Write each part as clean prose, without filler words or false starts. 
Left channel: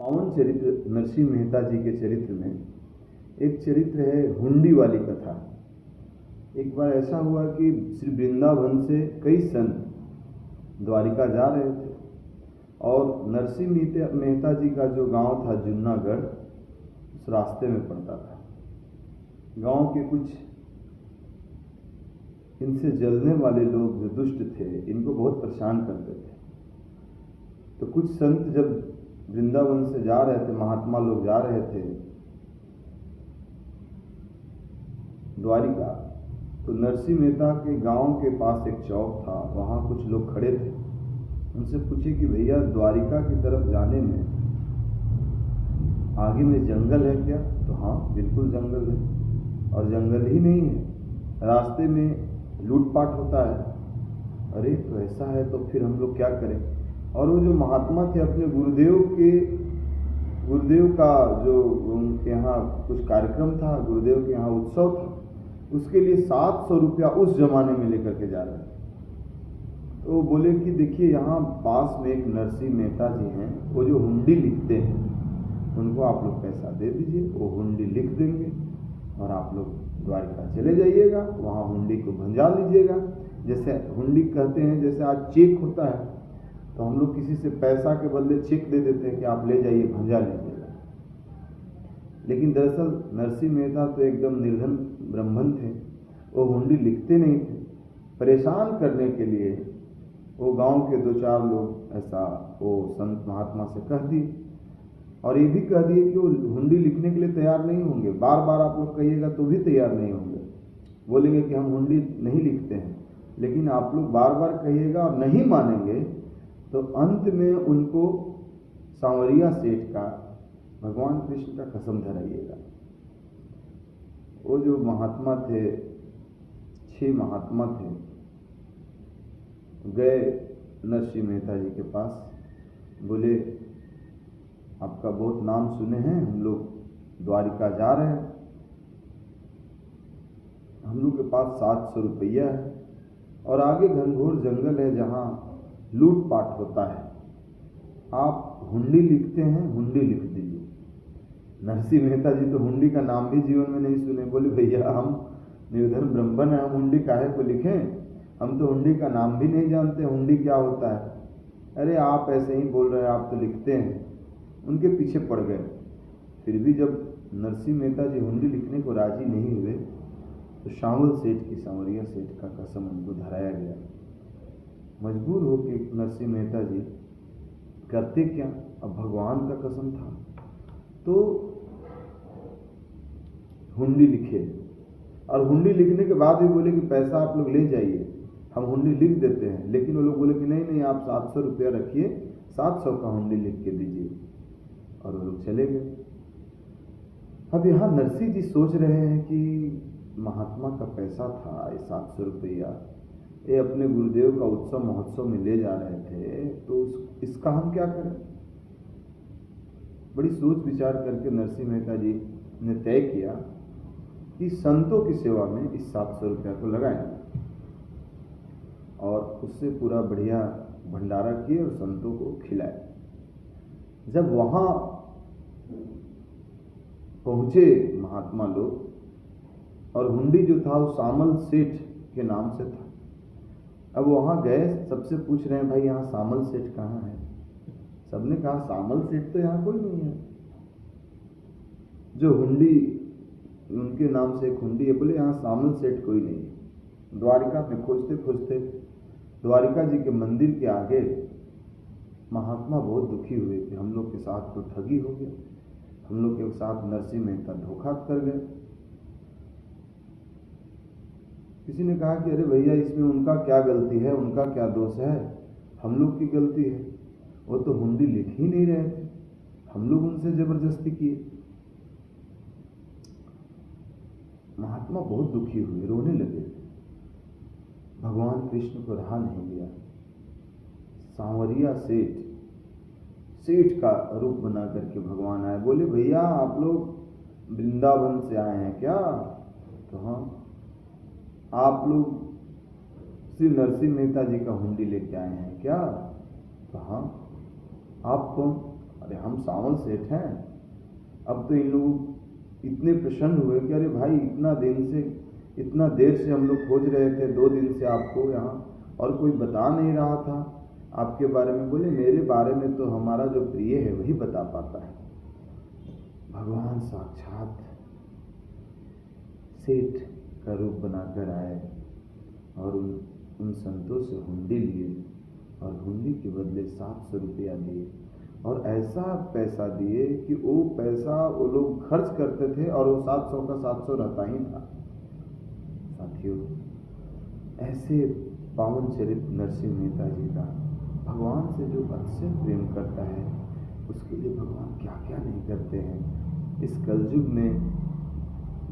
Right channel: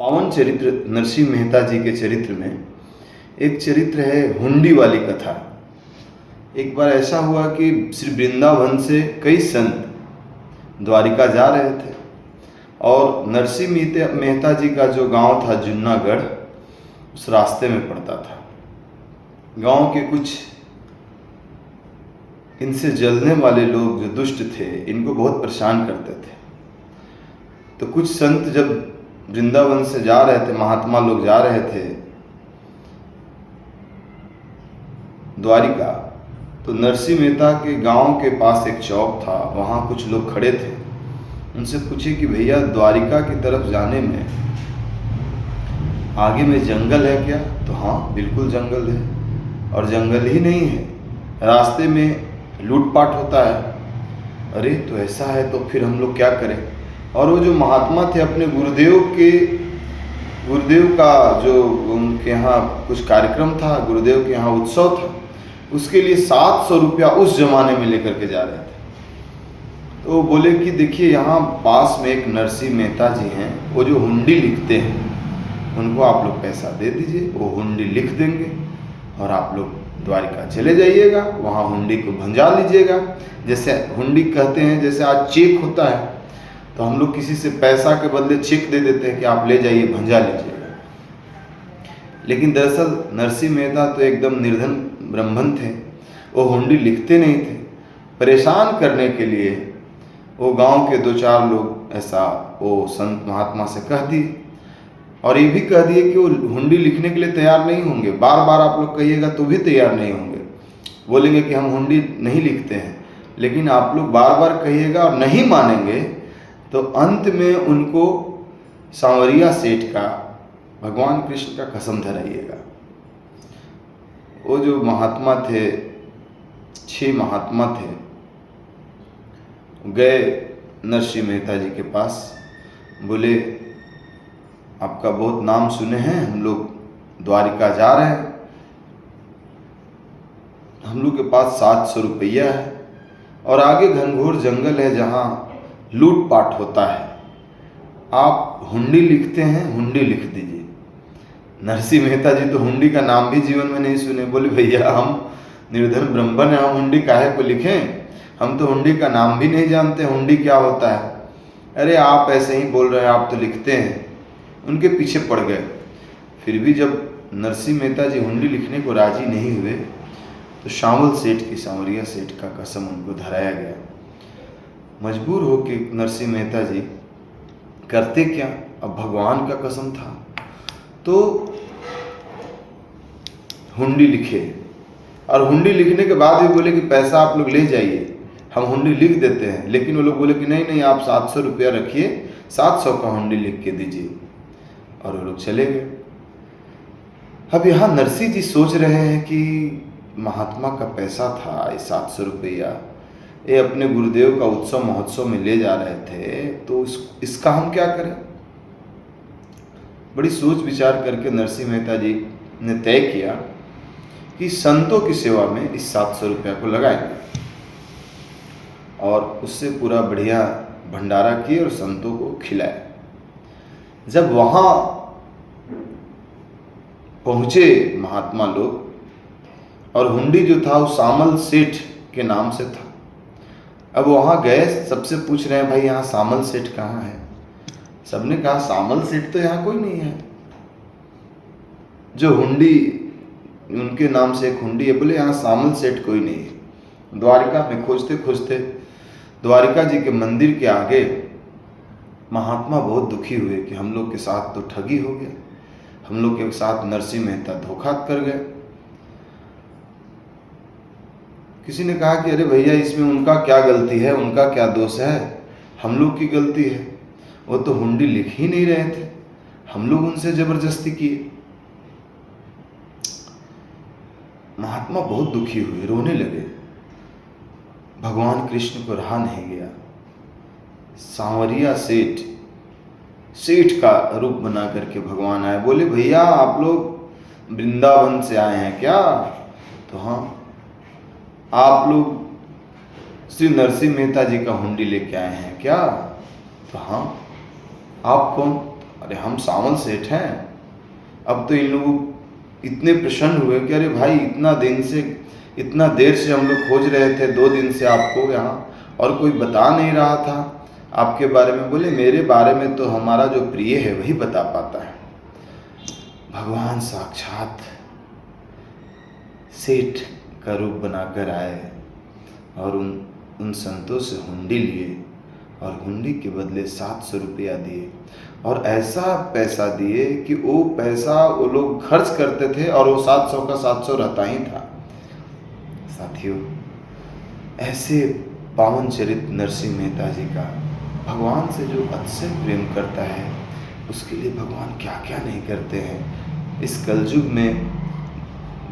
पावन चरित्र नरसिंह मेहता जी के चरित्र में एक चरित्र है हुंडी वाली कथा। एक बार ऐसा हुआ कि श्री वृंदावन से कई संत द्वारिका जा रहे थे और नरसिंह मेहता जी का जो गांव था जुन्नागढ़ उस रास्ते में पड़ता था। गांव के कुछ इनसे जलने वाले लोग जो दुष्ट थे इनको बहुत परेशान करते थे। तो कुछ संत जब वृंदावन से जा रहे थे, महात्मा लोग जा रहे थे द्वारिका, तो नरसिंह मेहता के गांव के पास एक चौक था, वहाँ कुछ लोग खड़े थे। उनसे पूछे कि भैया द्वारिका की तरफ जाने में आगे में जंगल है क्या? तो हाँ बिल्कुल जंगल है, और जंगल ही नहीं है, रास्ते में लूटपाट होता है। अरे तो ऐसा है तो फिर हम लोग क्या करें? और वो जो महात्मा थे अपने गुरुदेव का जो उनके यहाँ कुछ कार्यक्रम था, गुरुदेव के यहाँ उत्सव था, उसके लिए 700 रुपया उस जमाने में लेकर के जा रहे थे। तो बोले कि देखिए यहाँ पास में एक नरसिंह मेहता जी हैं, वो जो हुंडी लिखते हैं उनको आप लोग पैसा दे दीजिए, वो हुंडी लिख देंगे और आप लोग द्वारिका चले जाइएगा, वहाँ हुंडी को भंजा लीजिएगा। जैसे हुंडी कहते हैं, जैसे आज चेक होता है तो हम लोग किसी से पैसा के बदले चेक दे देते हैं कि आप ले जाइए भंजा लीजिएगा। लेकिन दरअसल नरसिंह मेहता तो एकदम निर्धन ब्राह्मण थे, वो हुंडी लिखते नहीं थे। परेशान करने के लिए वो गांव के 2-4 लोग ऐसा वो संत महात्मा से कह दिए, और ये भी कह दिए कि वो हुंडी लिखने के लिए तैयार नहीं होंगे। बार बार आप लोग कहिएगा तो भी तैयार नहीं होंगे, बोलेंगे कि हम हुंडी नहीं लिखते हैं। लेकिन आप लोग बार बार कहिएगा और नहीं मानेंगे तो अंत में उनको सांवरिया सेठ का, भगवान कृष्ण का कसम धराइएगा। वो जो महात्मा थे, 6 महात्मा थे, गए नरसिंह मेहता जी के पास, बोले आपका बहुत नाम सुने हैं, हम लोग द्वारिका जा रहे हैं, हम लोग के पास 700 रुपया है और आगे घनघोर जंगल है जहाँ लूटपाट होता है, आप हुंडी लिखते हैं, हुंडी लिख दीजिए। नरसिंह मेहता जी तो हुंडी का नाम भी जीवन में नहीं सुने। बोले भैया हम निर्धन ब्राह्मण हैं, हम हुंडी काहे को लिखें, हम तो हुंडी का नाम भी नहीं जानते, हुंडी क्या होता है। अरे आप ऐसे ही बोल रहे हैं, आप तो लिखते हैं। उनके पीछे पड़ गए। फिर भी जब नरसिंह मेहता जी हुंडी लिखने को राजी नहीं हुए तो शामल सेठ की, सांवरिया सेठ का कसम उनको धराया गया। मजबूर हो के नरसिंह मेहता जी करते क्या, अब भगवान का कसम था तो हुंडी लिखे। और हुंडी लिखने के बाद भी बोले कि पैसा आप लोग ले जाइए, हम हुंडी लिख देते हैं। लेकिन वो लोग बोले कि नहीं नहीं, आप 700 रुपया रखिए, 700 का हुंडी लिख के दीजिए। और वो लोग चले गए। अब यहाँ नरसिंह जी सोच रहे हैं कि महात्मा का पैसा था ये 700 रुपया, ये अपने गुरुदेव का उत्सव महोत्सव में ले जा रहे थे, तो इसका हम क्या करें। बड़ी सोच विचार करके नरसिंह मेहता जी ने तय किया कि संतों की सेवा में इस 700 रुपया को लगाएंगे, और उससे पूरा बढ़िया भंडारा किए और संतों को खिलाए। जब वहाँ पहुँचे महात्मा लोग, और हुंडी जो था वो सामल सेठ के नाम से था। अब वहाँ गए, सबसे पूछ रहे हैं भाई यहाँ सामल सेठ कहाँ है। सबने कहा सामल सेठ तो यहाँ कोई नहीं है, जो हुंडी उनके नाम से एक हुंडी है, बोले यहाँ सामल सेठ कोई नहीं है। द्वारिका में खोजते खोजते द्वारिका जी के मंदिर के आगे महात्मा बहुत दुखी हुए कि हम लोग के साथ तो ठगी हो गया, हम लोग के साथ नरसिंह मेहता धोखा कर गए। किसी ने कहा कि अरे भैया इसमें उनका क्या गलती है, उनका क्या दोष है, हम लोग की गलती है, वो तो हुंडी लिख ही नहीं रहे थे, हम लोग उनसे जबरदस्ती किए। महात्मा बहुत दुखी हुए, रोने लगे। भगवान कृष्ण को रहा नहीं गया। सांवरिया सेठ का रूप बना करके भगवान आए। बोले भैया आप लोग वृंदावन से आए हैं क्या? तो हाँ। आप लोग श्री नरसिंह मेहता जी का हुंडी लेके आए हैं क्या? तो हाँ। आप कौन? अरे हम सावल सेठ हैं। अब तो इन लोगों इतने प्रसन्न हुए कि अरे भाई इतना देर से हम लोग खोज रहे थे, 2 दिन से आपको यहाँ, और कोई बता नहीं रहा था आपके बारे में। बोले मेरे बारे में तो हमारा जो प्रिय है वही बता पाता है। भगवान साक्षात सेठ का रूप बनाकर आए और उन संतों से हुंडी लिए और हुंडी के बदले 700 रुपया दिए, और ऐसा पैसा दिए कि वो पैसा वो लोग खर्च करते थे और वो 700 का 700 रहता ही था। साथियों, ऐसे पावन चरित्र नरसिंह मेहता जी का, भगवान से जो अतिशय प्रेम करता है उसके लिए भगवान क्या क्या नहीं करते हैं। इस कलयुग में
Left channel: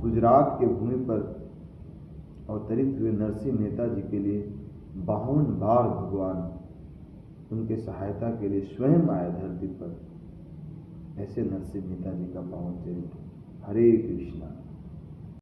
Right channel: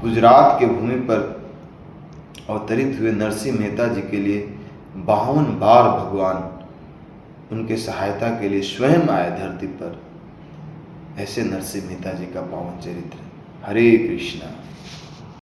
गुजरात के भूमि पर अवतरित हुए नरसिंह मेहता जी के लिए 52 बार भगवान उनके सहायता के लिए स्वयं आए धरती पर। ऐसे नरसिंह मेहता जी का पावन चरित्र। हरे कृष्णा।